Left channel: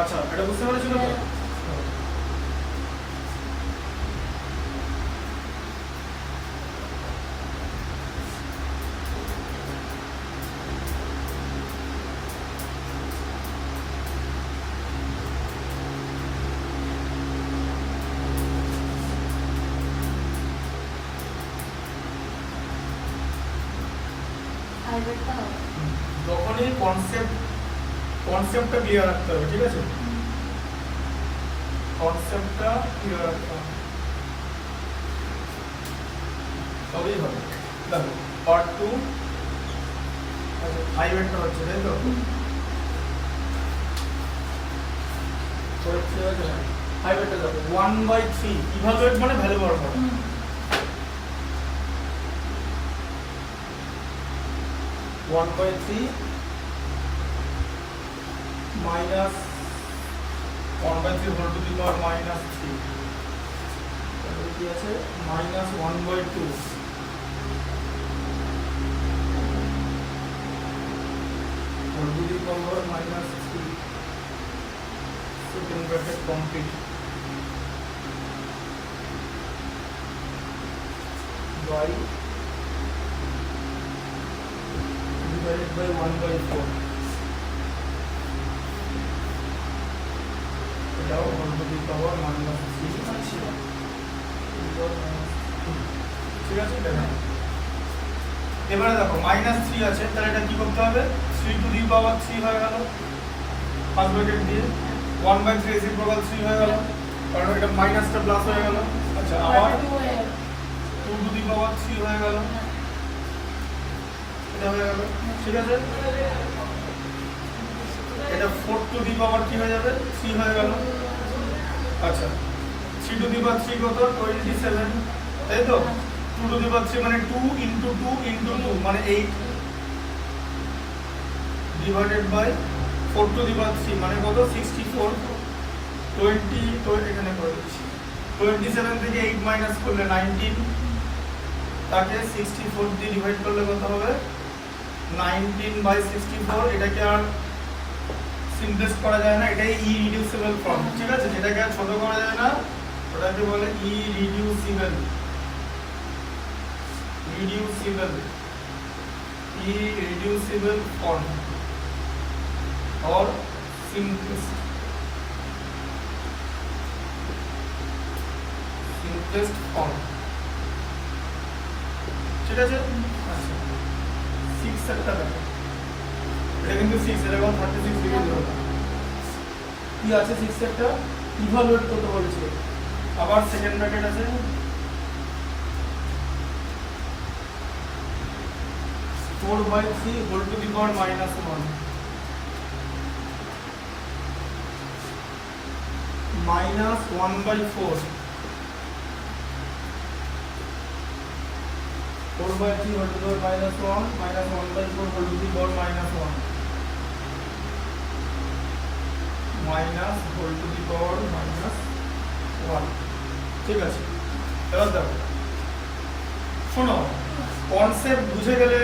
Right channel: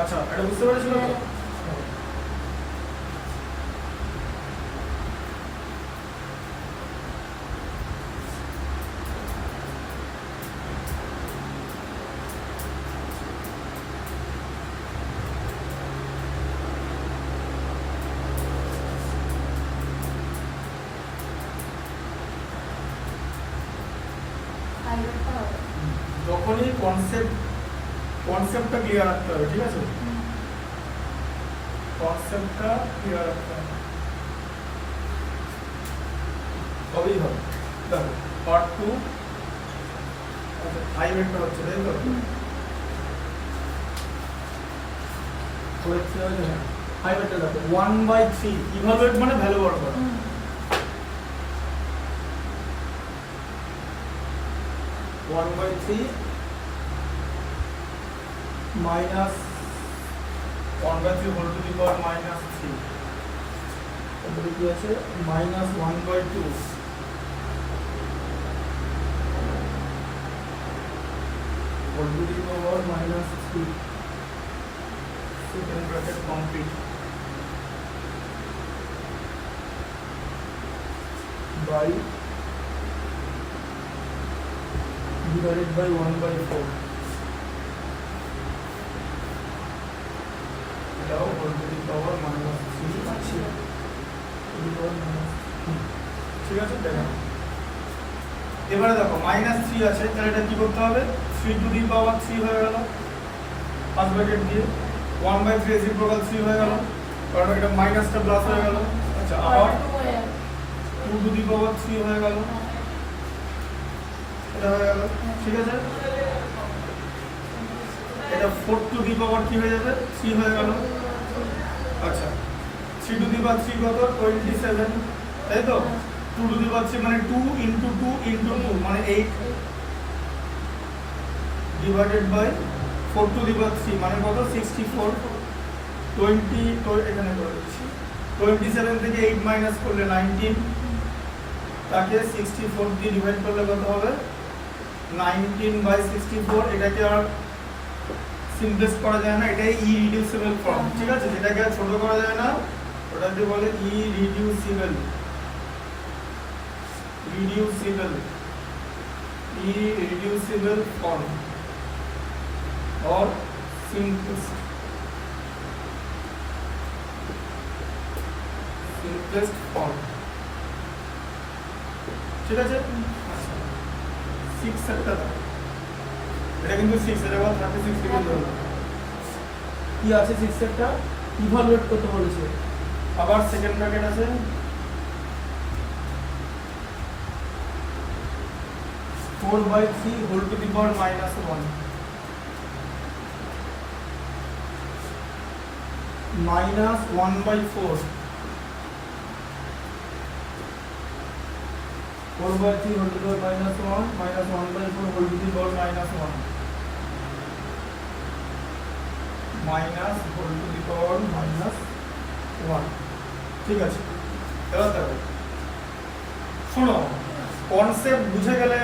আচ্ছা এটা বুঝতে পেরেছিল তো? যখনই কনসেপ্টটা ক্লিয়ার রাখতে হবে, ঠিক আছে? কনসেপ্টটা ক্লিয়ার রাখতে হবে, তবেই হবে। দেখো পার্ট 2 আই ভেক্টর হচ্ছে, তাই তো? হচ্ছে আই ভেক্টর দেখো 1/3 ইভালুয়েট মানে ভ্যালু বার করা। 1/3 minus 1/3 whole to the power minus 3 তাহলে কি আছে minus 1/2 whole to the power minus 3 second bracket complete by divided by 1/4 এটাও হোল টু দি পাওয়ার -3 আছে, ঠিক আছে? দেখো এবারে দেখো -3 আছে, তাহলে এটা কি করতে হবে? 3 টু দি পাওয়ার 3 হয়ে গেল ফার্স্ট ব্র্যাকেট দিয়ে, 1/3 রেসিপ্রোকাল 3 হয়ে গেল, কারণ এটা মাইনাসটা প্লাস হয়ে গেল। আচ্ছা আবার 2 টু দি পাওয়ার 3 হয়ে গেল, এটা হয়ে গেল, ঠিক আছে? এটা 4 টু দি পাওয়ার কি হয়ে যাবে? 3 হয়ে গেল। আচ্ছা 3 টু দি পাওয়ার 3 কত? 27, তাই তো? 2 টু দি পাওয়ার 3 মানে 2 ইনটু 2 ইনটু 2 মানে 8 ডিভাইডেড বাই 4 টু দি পাওয়ার 3 মানে কত? 64। 20 তো এখানে করে দিচ্ছি, 27 থেকে 8 মাইনাস করলে 19, তাকে 64 দিয়ে ডিভাইড করলে কত হবে? 19/64। এটাকে আর সিমপ্লেক্স করা যায় না, এটাই ইরিডিউসিবল ফর্ম, ঠিক আছে? যেটাকে আর ছোট করা যায় না ওটাকে বলে ইরিডিউসিবল ফর্ম or simplest form, ঠিক আছে? আচ্ছা 6 একটা দেখো, এটা কিন্তু 6 এটা এখন 36 ডিগ্রি ধরো, কি আছে 6 একটা ইভালুয়েট করতে বলেছে। আবার সেকেন্ড ব্র্যাকেট আছে, (4/3 whole to the power -1) minus 1/4 4/3 whole to the power -1 minus 1/4 whole to the power -1 minus whole to the power -1, ঠিক আছে? এবার দেখো শোনো, কনসেপ্ট বুঝে গেলে,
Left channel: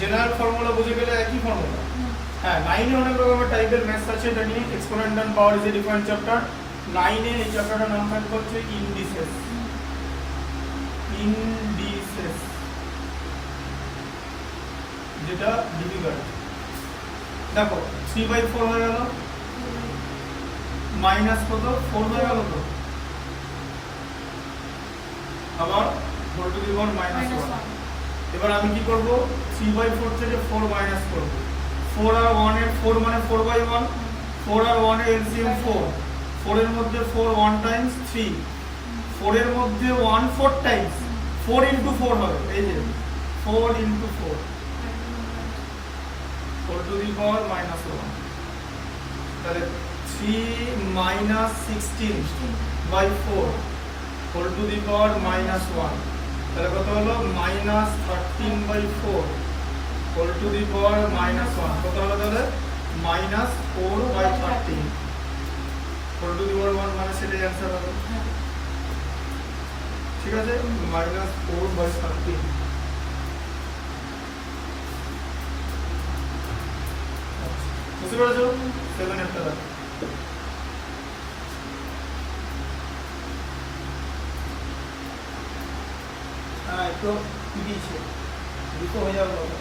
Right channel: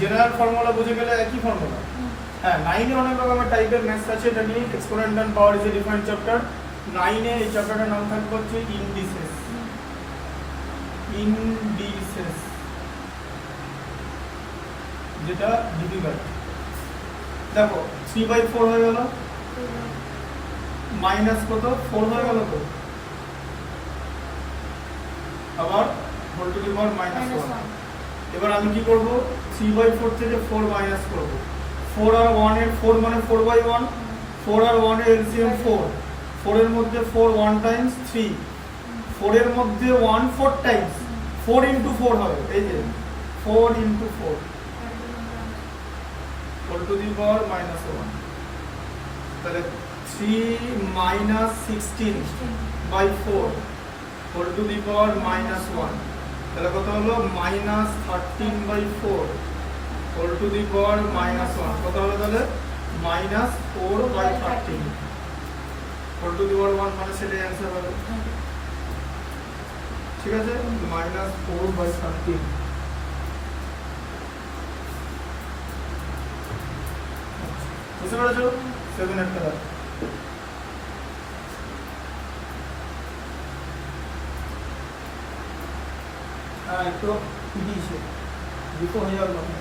জেনারেল ফর্মুলা বুঝে গেলে একই ফর্মুলা। হ্যাঁ 9 এ অনেক রকমের টাইপের ম্যাথস আছে, এটা নিয়ে exponent and power is a different chapter. 9 এর এই চ্যাপ্টারটার নাম থাকবে হচ্ছে ইন্ডিসেস, যেটা ডিফিকাল্ট। দেখো 3/4 হয়ে গেল, মাইনাস কত? 4 হয়ে গেল তো, আবার হোল টু দি পাওয়ার -1। এবার আমি কি করব? 3/4 থেকে 4 মাইনাস করব। 4 আর 1 এর 4 মানে 4/1, 4 আর 1 এর এলসিএম 4, 4 এর মধ্যে 4 1 টাইমস 3, 4 এর মধ্যে 1 4 টাইমস, 4 ইনটু 4 হবে, এই যে 4 ইনটু 4 4 টু দি পাওয়ার -1, তাহলে 3 minus 16/4 whole to the power -1, তাহলে কত হলো? -13/4 whole to the power -1, কত হলো তাহলে? -4/13 whole to the power 1 মানে সেটাই অ্যানসার হবে, ঠিক আছে? -4/13। বুঝতে পেরেছো? 7 একটা দাও। একটু দিয়েছে 200 হয়ে যাবে তখন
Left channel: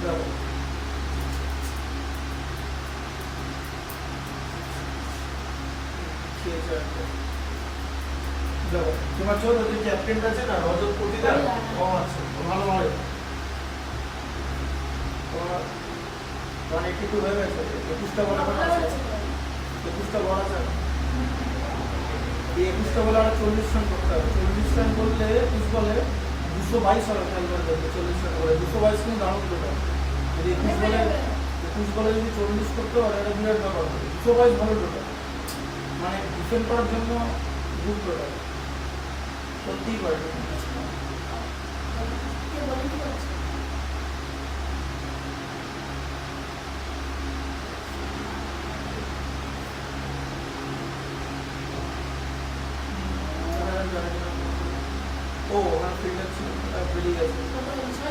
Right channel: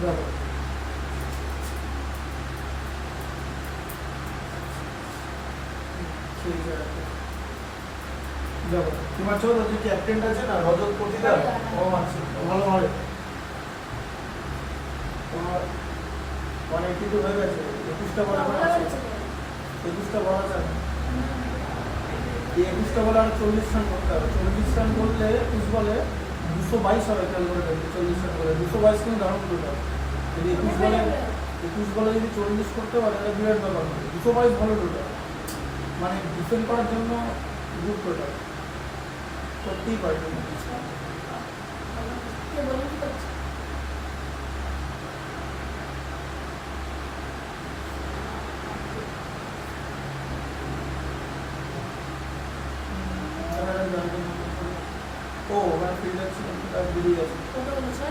দেখো দেখো তোমার চোখ যে ক্যাপ্টেনটা আছে না রজত পতিদার ও আছে ভালো ভালো 182 হয়ে গেছে 21টা বলা আছে 21টা বলা আছে এই 21টা বলা আর 40 রান করতে হবে 40 রান করলে 21 বলে 222 হবে খেলাটা 40 রান করে 222 কিন্তু রান করতে যদি 21 বলে যদি 40 করতে পারে এটা বিরাট ব্যাপার হবে 222 ভালো টোটাল মানে ডিফেন্ড করার জন্য গুড টোটাল করতেই পারে কে বলেন কি করছে ও আমার ফিল্ডার ছিল বেরিয়ে গেছে কত বলছে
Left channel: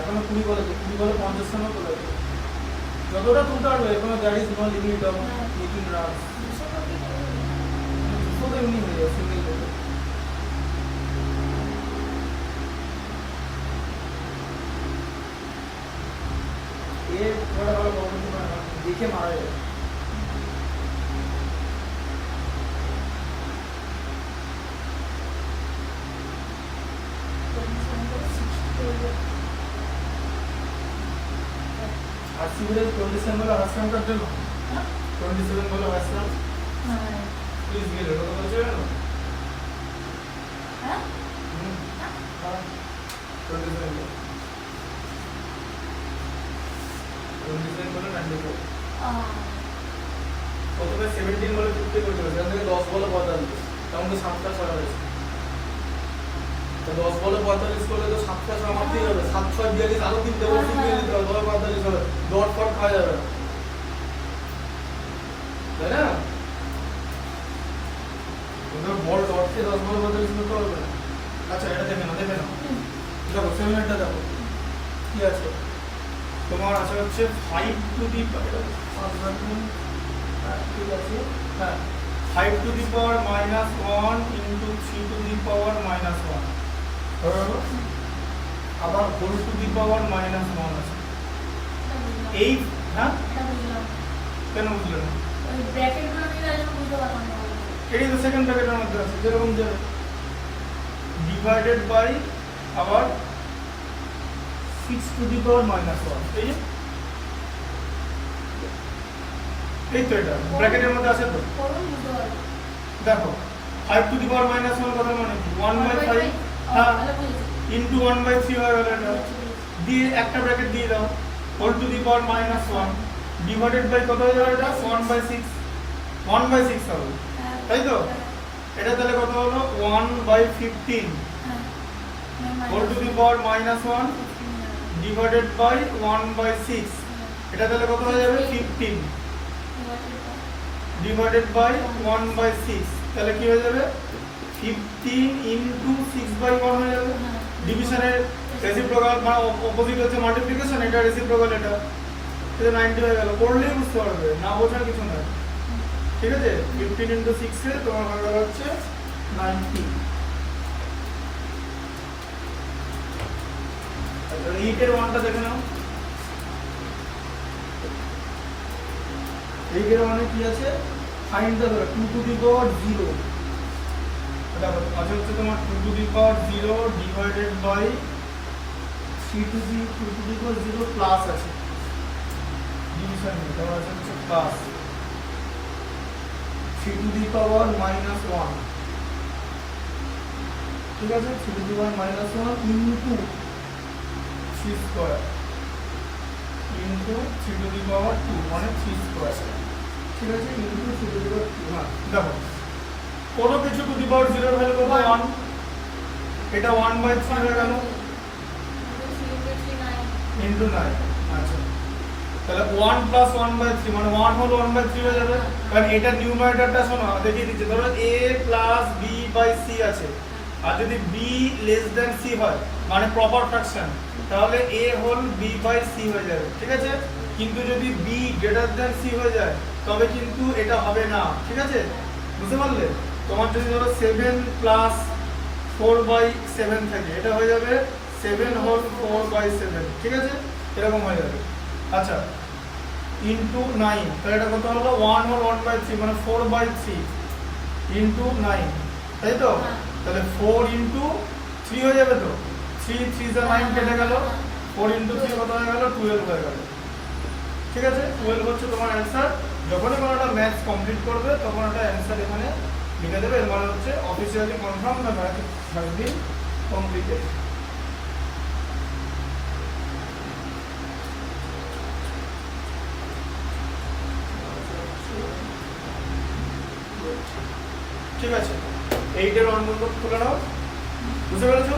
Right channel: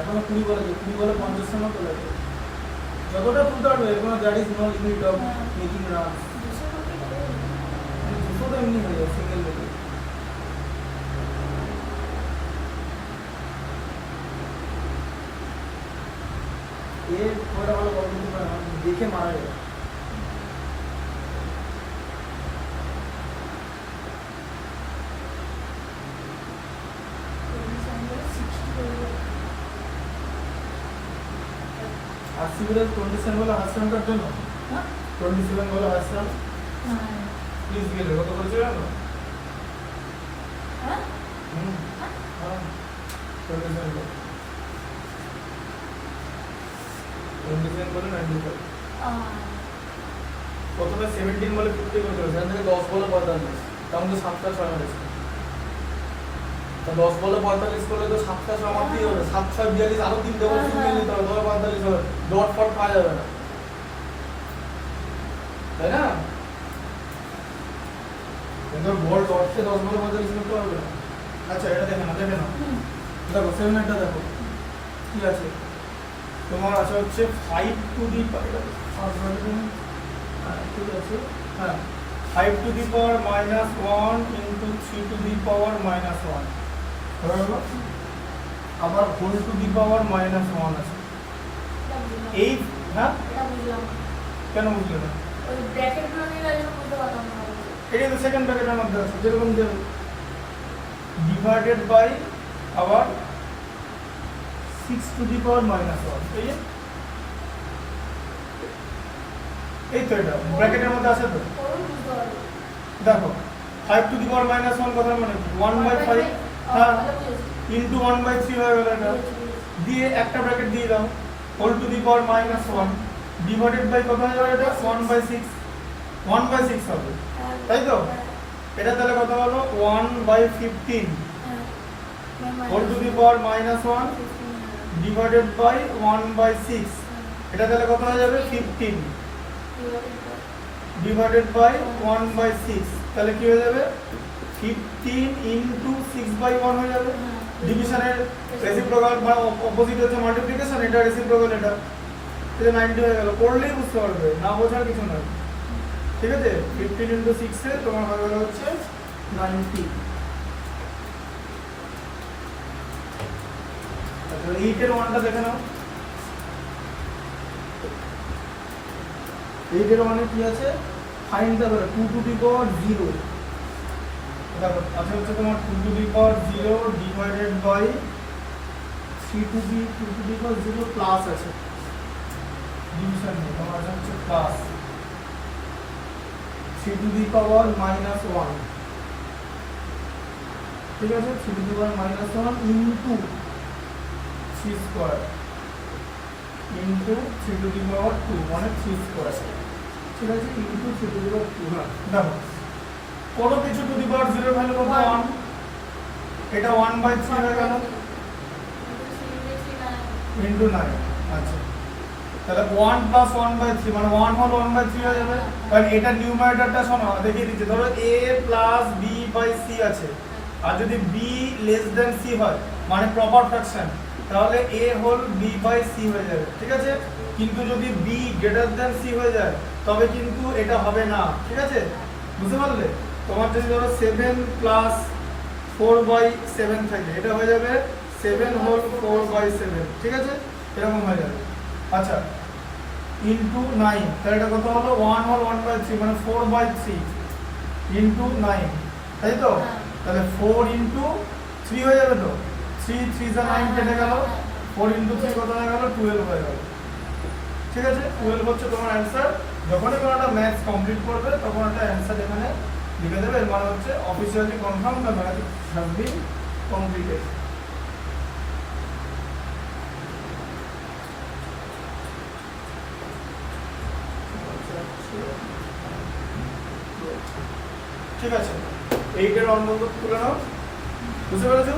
এখন 20 বলে 50 রানও তোলা যতটা তুলতে পারবে এখন that is no limit of making runs 200 তো এমনি হয়ে যায় সিঙ্গেল লেগে এর বড় বড় বলতে দেখে মারা যায় আর সিভিলের 27 বলে হাসরান কার জন্য 27 বলে হাসরান প্লিজ গেলে কত করেছে জানো হ্যাঁ 27 বলে 95 প্রথমে 17 বলে 50 করতে হবে সেখান থেকে 10 বলে 45 তাহলে তো 7টা 6 হয়েছে তো 10 বলে 45 করলে তো 7টা 6 আমারই হবে 7 6 42 আরো 3 ডবল শুনে নিতে হবে 45 হবে ডট ফট পাওয়া যাবে না তাই না কিন্তু বল ডটকে 10 বলে 45 করতে হবে না আচ্ছা এটা দেখেন না দেখো 7 এটা দেখো কি আছে তোমার আছে হচ্ছে 5 টু দি ঠিক আছে হ্যাঁ 5 to the power -1 into 3 to the power -1 হলো আবার হোল টু দি পাওয়ার -1 আছে এই হ্যাঁ কেন বুঝলে না ওই ব্র্যাকেট গুলো নিয়ে আমি বুঝতে পারলাম না এটাই তো সেকেন্ড ব্র্যাকেটের মধ্যে আছে যেরকম যে ডিভাইডেড বাই আবার 6 টু দি পাওয়ার -1 এই তো এটা ব্র্যাকেটের মধ্যে আছে তো দেখো 5 টু দি পাওয়ার -1 কথা মানে 1/5 হ্যাঁ ইনটু 1/3 হয়ে গেল এটা দিয়ে একটা ব্র্যাকেট দিয়ে দাও whole to the power -1 divided by কত হয়ে যাবে এটা 1/6 হবে তাই তো এটা তাহলে কত হলো 1/15 whole to the power -1 divided by 1/6 এটা তাহলে কত হয়ে যাবে 15 ডিভাইডেড বাই 1/6 তাহলে কি হয়ে যাবে 15 ইনটু 6/1 হয়ে যাবে ডিভিশনের রেসিপ্রোকাল মানে অপোজিট হচ্ছে মাল্টিপ্লিকেশন এটা রেসিপ্রোকাল এটা 90 হয়ে গেল পড়লেই বুঝতে পারবে না বোঝার কিছু নাই ঠিক আছে 15 ইনটু 6 এ তোমার হয়ে গেল হচ্ছে 90 আচ্ছা 8 এর 1টা দেখে নাও 8 এর 1 এ কি আছে find the 2 to the power 0 দেখো আছে হচ্ছে তোমার 2 to the power 0 divided by 3 to the power 0 plus আছে ডিভিশন নেই তাহলে আছে হচ্ছে প্লাস 3 টু দি পাওয়ার -1 ঠিক আছে 3 to the power -1 into 3 square into 3 to the power 2 মানে 3 স্কয়ার ঠিক আছে ইনটু 3 টু দি পাওয়ার 2 না দেখো কত কিছু টু দি পাওয়ার 0 ভ্যালু কত 1 এটা 1/3 হয়ে গেল ইনটু 9 আচ্ছা তাহলে 1 প্লাস 1/3 মানে 1 হলো 1/3 হয়ে যাবে কারণ এটা নিউমারেটরটা শোনো দেখিয়ে দিচ্ছি ধরো a plus b by c আছে আর যদি বি লেস দেন সি হয় মানে প্রপার ফ্র্যাকশন, তাহলে এ হোল বি বাই সি হয়ে যাবে, ঠিক আছে। কিন্তু যদি বি গ্রেটার দেন সি হয়ে যায় তবে কিন্তু এটা হবে না, ঠিক আছে, বুঝতে পারলে। তোমার যদি ধরো 7 প্লাস 4/7 থাকে, এটা হয়ে যাবে 7 হোল 4/7, ঠিক আছে, এরকম হয়ে যাবে। আচ্ছা, ইন্টু 9, তাহলে এটা কত হলো 1 হোল 1/3 মানে 4/3 ইন্টু 9, তাই তো। তাহলে 4 ইন্টু 3 হয়ে যাবে তো, 3 3 যা 9 কেটে গেল, 4 ইন্টু 3 কত হয়ে গেল 12 হয়ে গেল, ঠিক আছে। 12 হচ্ছে তোমার অ্যান্সার। যখনই কোনো একটা ম্যাথস কমপ্লিট করবে তখন একটা অ্যান্সার এখানে লিখে দেবে, এর মানে হচ্ছে officially confirm the math has been completed. ঠিক আছে, 8 এর অঙ্ক তুলে নাও, বুঝতে পেরেছো?